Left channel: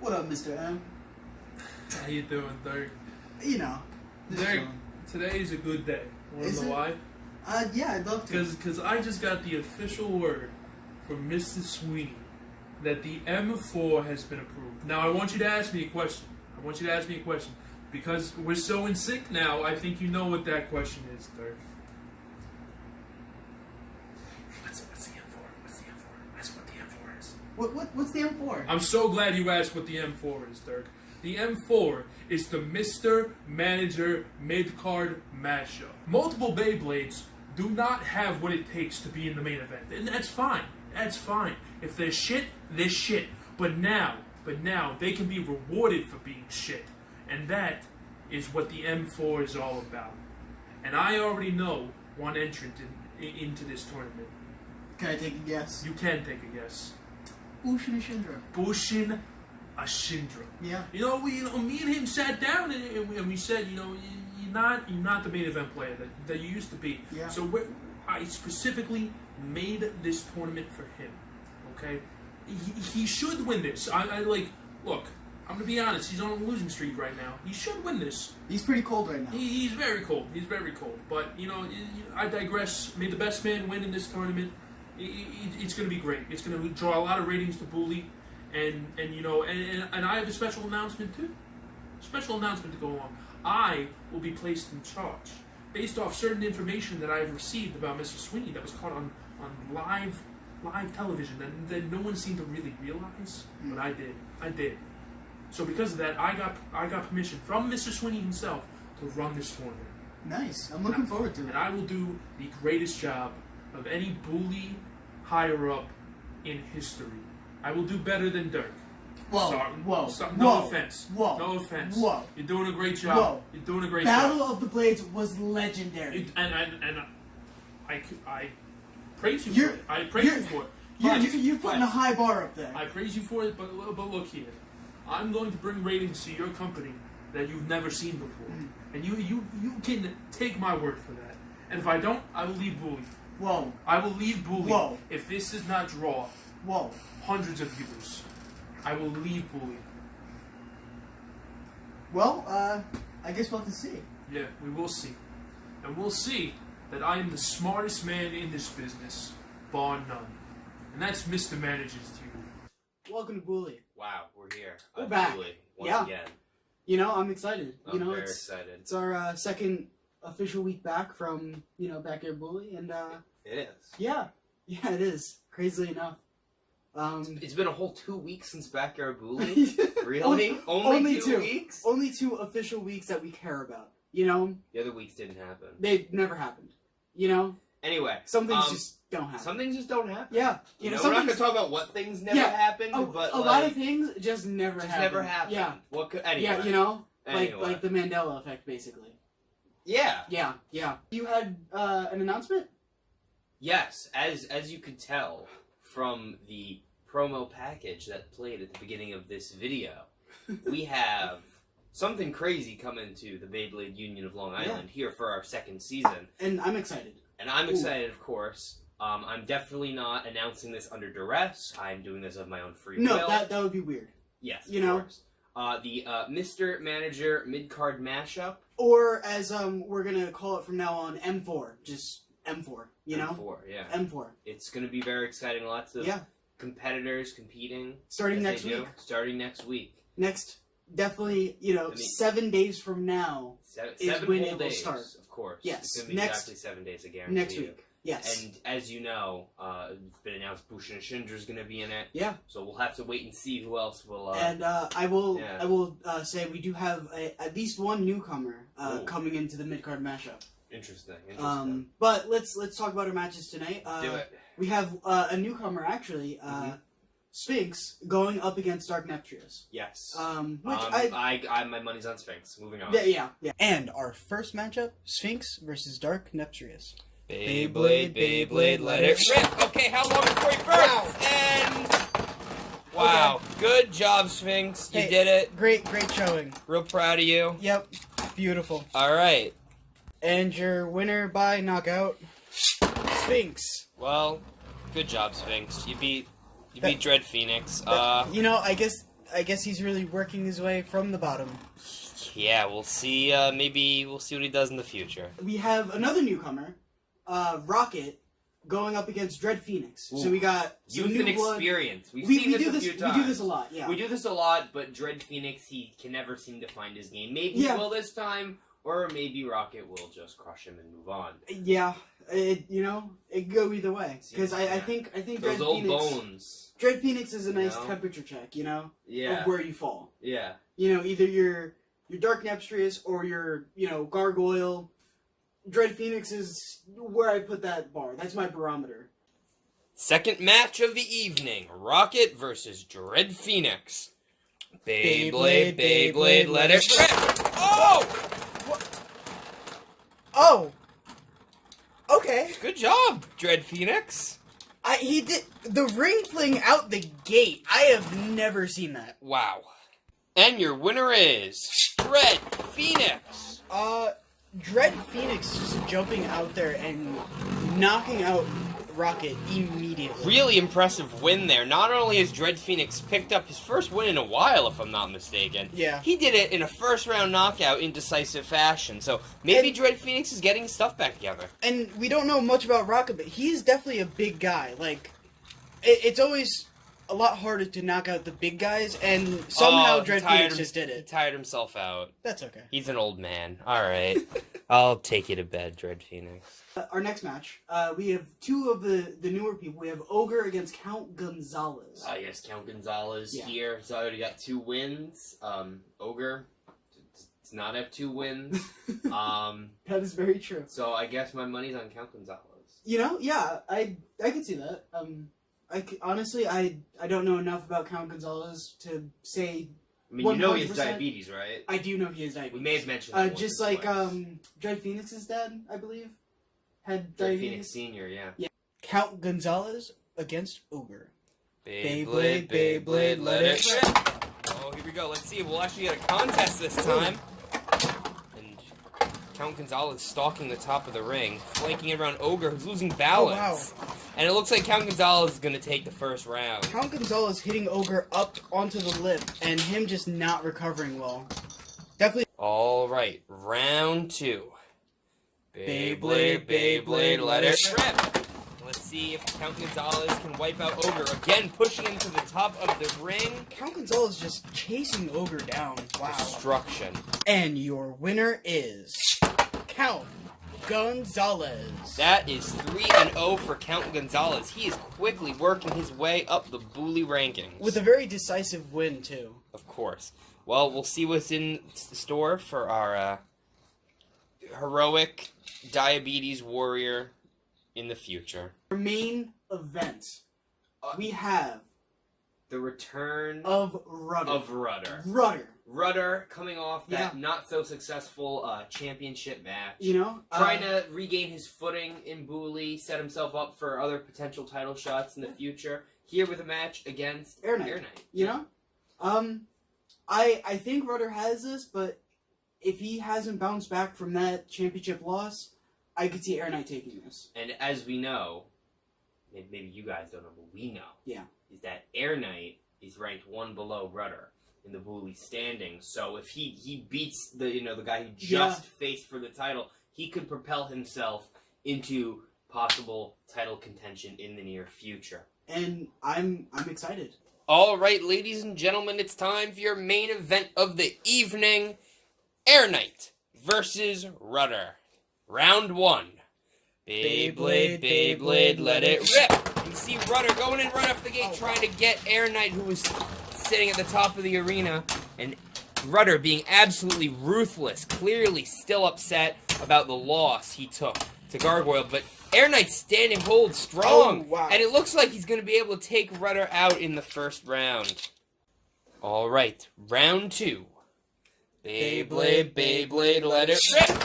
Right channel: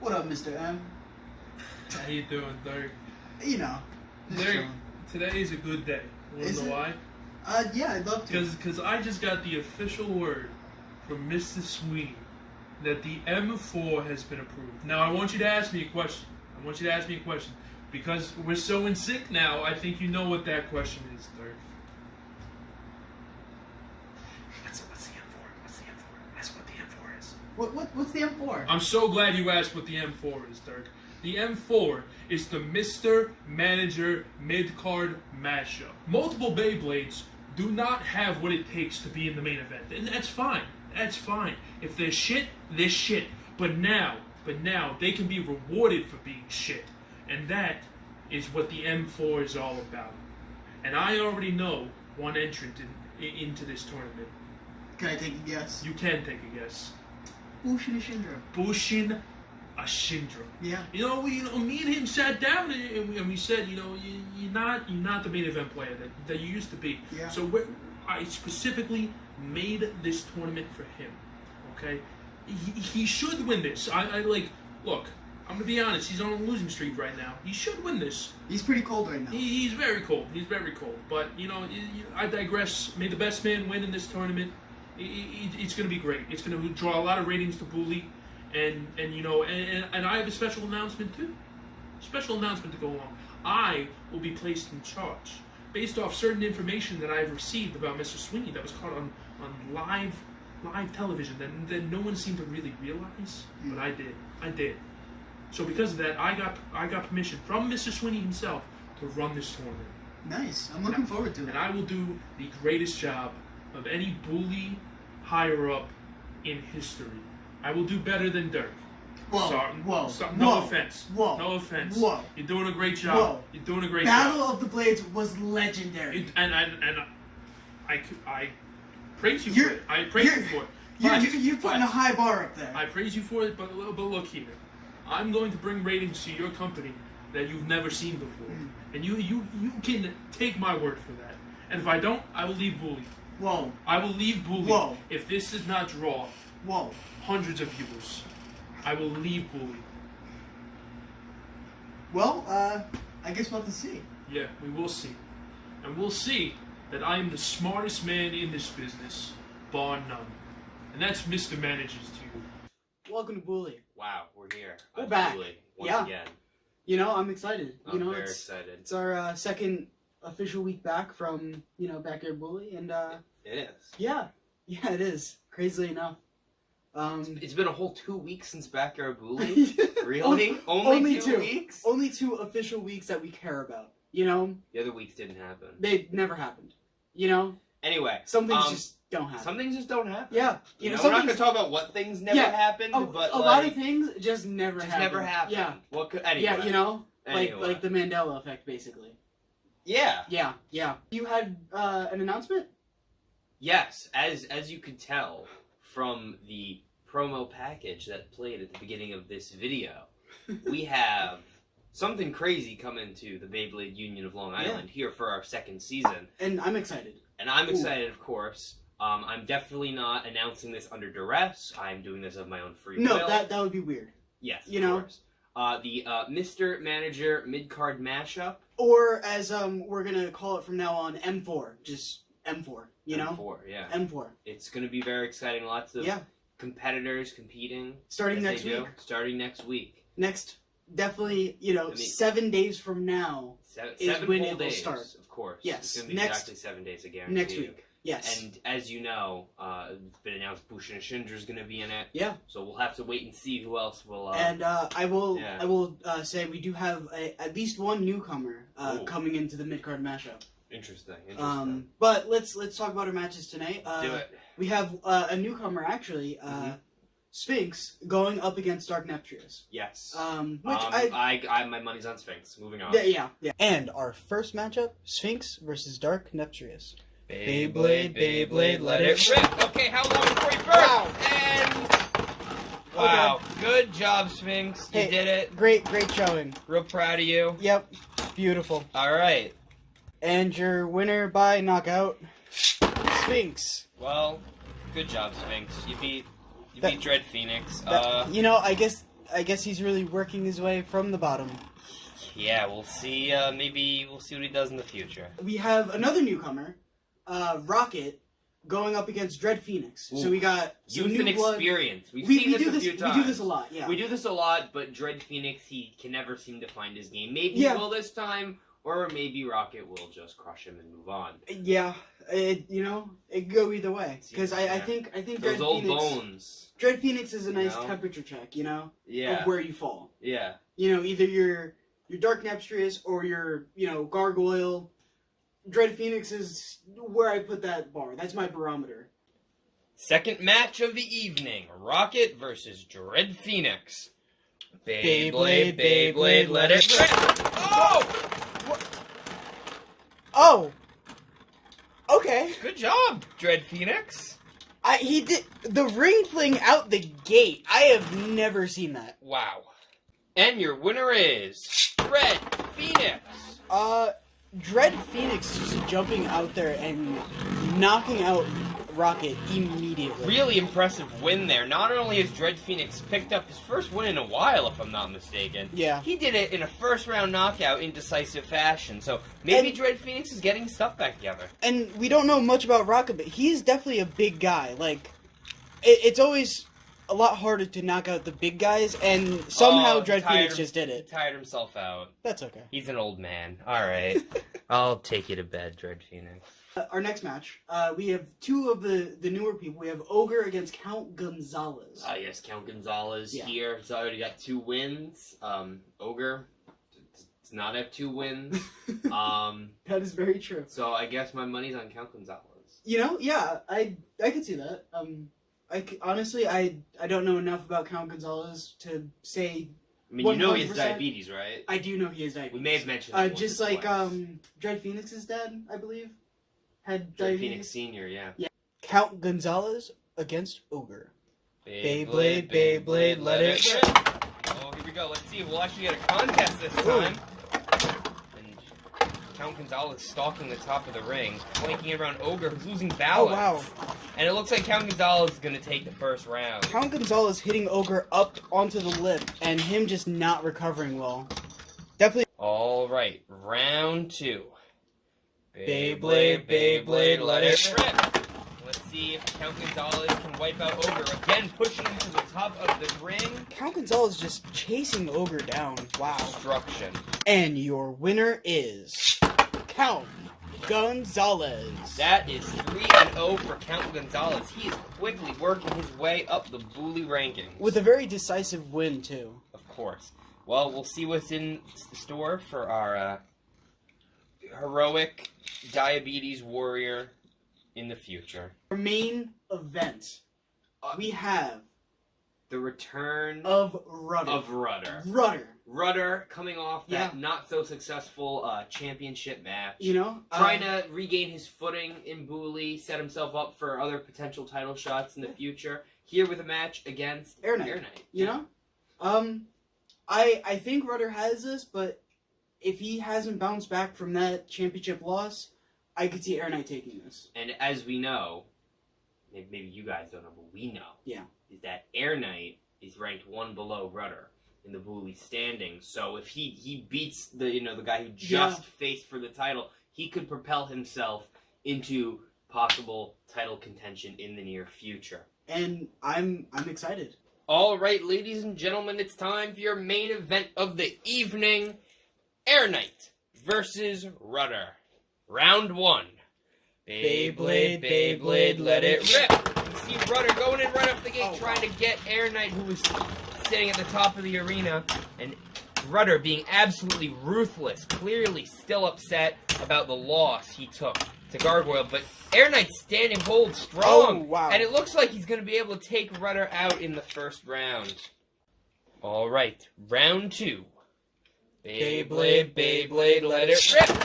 What up, Mr. M? How you doing, Dirk? You know, just Dirk, chilling. today is a good day. Wanna Is know it? why? Yeah, I'd love to. Because I just got the official word from Mr. Sweeney that the M4 has been approved. Now I want you to ask me a question. Because we're so in sync now, I think you know what that question is, Dirk. What's the M4? What's the M4? That's what the M4 is. What's the M4? I'm so glad you asked what the M4 is, Dirk. The M4 is the Mr. Manager Mid-Card Mashup. Multiple Beyblades do not have what it takes to be in the main event. And that's fine. That's fine. If they're shit, they're shit. But now they can be rewarded for being shit. And that is what the M4 is all about. And I already know one entrant into this tournament. Can I take a guess? You can take a guess. Bushin Ashindra. Bushin Ashindra. Yeah. Me and him sat down and we said, you're not the main event player that you used to be. Yeah. So I specifically made this tournament for him. Okay, he should win this. Look. I'm gonna be honest. He's on a losing streak right now. He should win this. He's pretty cold right now. He's very cold. But I digress. May the best man win in this tournament. It's gonna be great. It's gonna draw a lot of ratings to Bully. And I have a special announcement too. Special announcement to go along. I will be placed in charge based off certain information that I have received about Mr. Sweeney that was caught on live television that no one seemed to really realize, but I did. So because of that, I got permission from Mr. Sweeney himself to run this tournament. Nice. I'm looking forward to it. And I will do the greatest job of any Bully higher up in history. I will do better than Dirk. Whoa. No offense. Whoa. You're doing a great job. Whoa. You're doing a great Battle job. of the Blades was legendary. And I praise you for it. I praise you for it. You're putting a high bar up there. I praise you for it, but look here. I'm going to bring ratings to your company that you've never seen before. And you can take my word for that. And if I don't, I will leave Bully. Whoa. I will leave Bully. Whoa. If this does not draw hundreds of viewers, I will leave Bully. Well, I guess we'll have to see. Yeah, we will see. And we'll see that I am the smartest man in this business, bar none. And that's Mr. Managers to you. Welcome to Bully. Wow, we're here. We're back. Once again. I'm excited. I'm very excited. It's our second official week back from, Backyard Bully, and It is. Yeah, it is. Crazily enough. It's been a whole 2 weeks since Backyard Bully? Really? Only 2 weeks? Only 2 official weeks that we care about, The other weeks didn't happen. They never happened, Anyway. Some things just don't happen. Some things just don't happen. Yeah. We're not going to talk about what things never happened, but a lot of things just never happened. Never happened. Yeah. What could, anyway. Yeah, Anyway. like the Mandela effect, basically. Yeah. Yeah. You had an announcement? Yes, as you could tell from the promo package that played at the beginning of this video, we have something crazy coming to the Beyblade Union of Long Island here for our second season. And I'm excited. And I'm excited, of course. I'm definitely not announcing this under duress. I'm doing this of my own free will. No, that would be weird. Yes, of course. The Mr. Manager Mid-Card Mashup. Or as we're going to call it from now on, M4. Just M4, M4, yeah. M4. It's going to be very exciting. Lots of competitors competing. Starting next week. Starting next week. Definitely, 7 days from now is when it will start. Of course. Yes. It's going to be exactly 7 days, I guarantee next week. Yes. And as you know, it's been announced Bushin Ashindra is going to be in it. Yeah. So we'll have to wait and see who else will. And I will say we do have at least one newcomer coming into the mid-card mashup. Interesting. But let's talk about our matches tonight. Do it. We have a newcomer actually, Sphinx, going up against Dark Neptrius. Yes. Which my money's on Sphinx. Moving on. Yeah. And our first matchup, Sphinx versus Dark Neptrius. Beyblade, let it rip. Okay, how long before you burst? And wow, okay. Good job, Sphinx. You did it. Great showing. Real proud of you. Yep, beautiful. All right. And your winner by knockout, Sphinx. Well, good job, Sphinx. You beat Dread Phoenix. I guess I guess he's really working his way from the bottom. Yeah, we'll see. Maybe we'll see what he does in the future. We have another newcomer, Rocket, going up against Dread Phoenix. Ooh. So we got some Youth and new blood. experience. We've seen this a few times. We do this a lot, yeah. We do this a lot, but Dread Phoenix, he can never seem to find his game. Maybe Yeah. he will this time, or maybe Rocket will just crush him and move on. Yeah, it could go either way. Because I think Those Dread old Phoenix, bones. Dread Phoenix is a nice know? temperature check, Yeah. of where you fall. Yeah. Either you're Dark Nepstrius or you're, Gargoyle. Dread Phoenix is where I put that bar. That's my barometer. Second match of the evening. Rocket versus Dread Phoenix. Beyblade, let it rip! Oh! What? Oh! Okay. Good job, Dread Phoenix. He did the ring fling out the gate. I have never seen that. Wow. And your winner is Dread Phoenix. Dread Phoenix just jumping out there and knocking out Rocket immediately. Really impressive win there. Not only has Dread Phoenix picked up his first win in a while, if I'm not mistaken. Yeah. He did it in a first-round knockout in decisive fashion. So maybe And- Dread Phoenix is getting his stuff back together. And we don't know much about Rocket, but he's definitely a big guy. Like, it's always a lot harder to knock out the big guys, and somehow Dread Phoenix just did He it. tired himself out. That's okay. He's an old man. All right. I'll take you to bed, Dread Phoenix. Our next match, we have two of the newer people. We have Ogre against Count Gonzalez. Yes, Count Gonzalez Yeah. here. He's already got 2 wins. Ogre does not have 2 wins. That is very true. So I guess my money's on Count Gonzalez. Yeah, I could see that. Honestly, I don't know enough about Count Gonzalez to say. I mean, you know he has 100%. diabetes, right? I do know he has diabetes. We may have mentioned that once just or like twice. Dread Phoenix's dad, I believe, had Dread diabetes. Phoenix Senior, yeah. Count Gonzalez against Ogre. Beyblade, let it rip. Oh, here we go. Let's see. We'll actually get a contest this time. And Count Gonzalez stalking the top of the ring, flanking around Ogre, who's losing balance. Oh, wow. And it looks like Count Gonzalez is going to take the first round. Count Gonzalez hitting Ogre up onto the lip, and him just not recovering well. Definitely. All right, round 2. Beyblade, let it rip. Let's see if Count Gonzalez can wipe out Ogre. Again, pushing him to the top of the ring. Count Gonzalez just chasing Ogre down. Wow. Destruction. And your winner is Count Gonzalez. That is 3-0 for Count Gonzalez. He is quickly working his way up the Bully rankings. With a very decisive win, too. Of course. Well, we'll see what's in store for our heroic diabetes warrior in the future. Our main event, we have The return of Rudr. Rudr. Rudr. Rudr coming off that Yeah. not so successful championship match. Trying Trying to regain his footing in Bully, set himself up for other potential title shots in the future. Here with a match against Air Knight. I think Rudr has this, but if he hasn't bounced back from that championship loss, I could see Air Knight taking this. And as we know, maybe you guys don't know, but we know, is that Air Knight is ranked 1 below Rudr in the Bully standings. So if he beats the guy who just faced for the title, he could propel himself into possible title contention in the near future. And I'm excited. All right, ladies and gentlemen, it's time for your main event of the evening. Air Knight versus Rudr. Round 1. Beyblade, let it rip. You can see Rudr going in right off the gate, trying to get Air Knight, who was sitting at the top of the arena. And Rudr being absolutely ruthless, clearly still upset about the loss he took to Gargoyle. But Air Knight standing hold strong. Oh, wow. And it looks like he's going to be able to take Rudr out in the first round. All right, round 2. Beyblade, let it rip.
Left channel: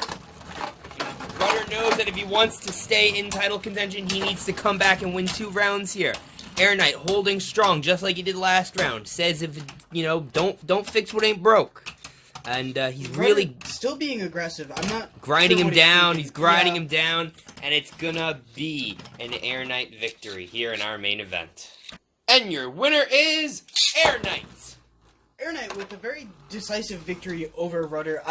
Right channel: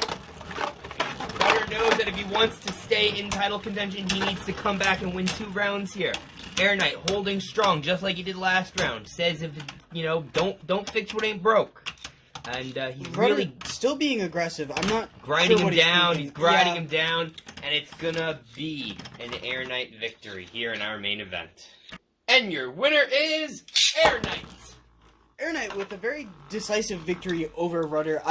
Rudr knows that if he wants to stay in title contention, he needs to come back and win 2 rounds here. Air Knight holding strong, just like he did last round. Says if don't fix what ain't broke. And he's Rudr really still being aggressive. I'm not grinding sure him what he's down. thinking. He's grinding him down, and it's gonna be an Air Knight victory here in our main event. And your winner is Air Knight. Air Knight with a very decisive victory over Rudr.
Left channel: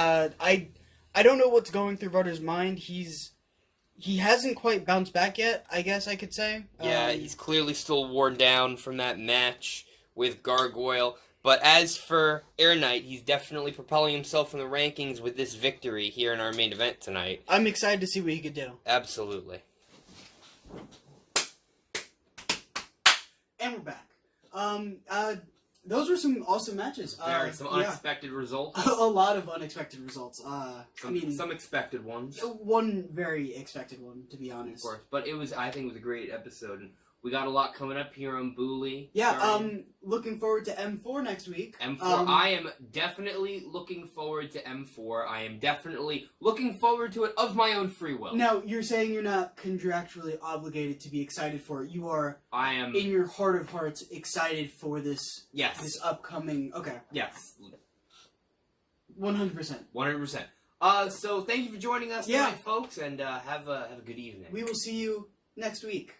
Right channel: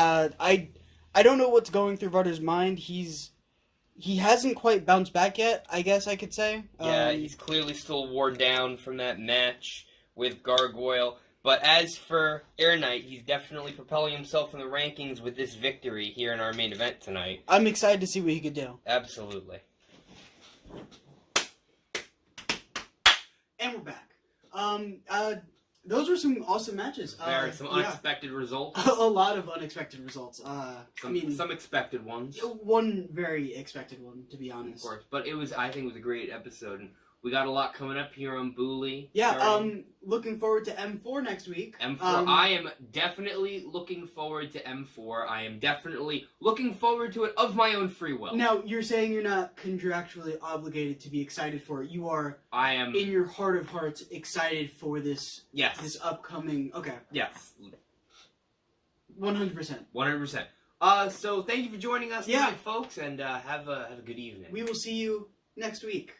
I don't know what's going through Rudr's mind. He hasn't quite bounced back yet, I guess I could say. Yeah, he's clearly still worn down from that match with Gargoyle. But as for Air Knight, he's definitely propelling himself in the rankings with this victory here in our main event tonight. I'm excited to see what he could do. Absolutely. And we're back. Those were some awesome matches. Some unexpected results. A lot of unexpected results. Some expected ones. One very expected one, to be honest. Of course, but I think it was a great episode, and we got a lot coming up here on Bully. Yeah, looking forward to M4 next week. M4. I am definitely looking forward to M4. I am definitely looking forward to it of my own free will. Now, you're saying you're not contractually obligated to be excited for it. You are, I am, in your heart of hearts, excited for this. Yes. This upcoming. Okay. Yes. 100%. 100%. So thank you for joining us tonight, folks, and have a good evening. We will see you next week.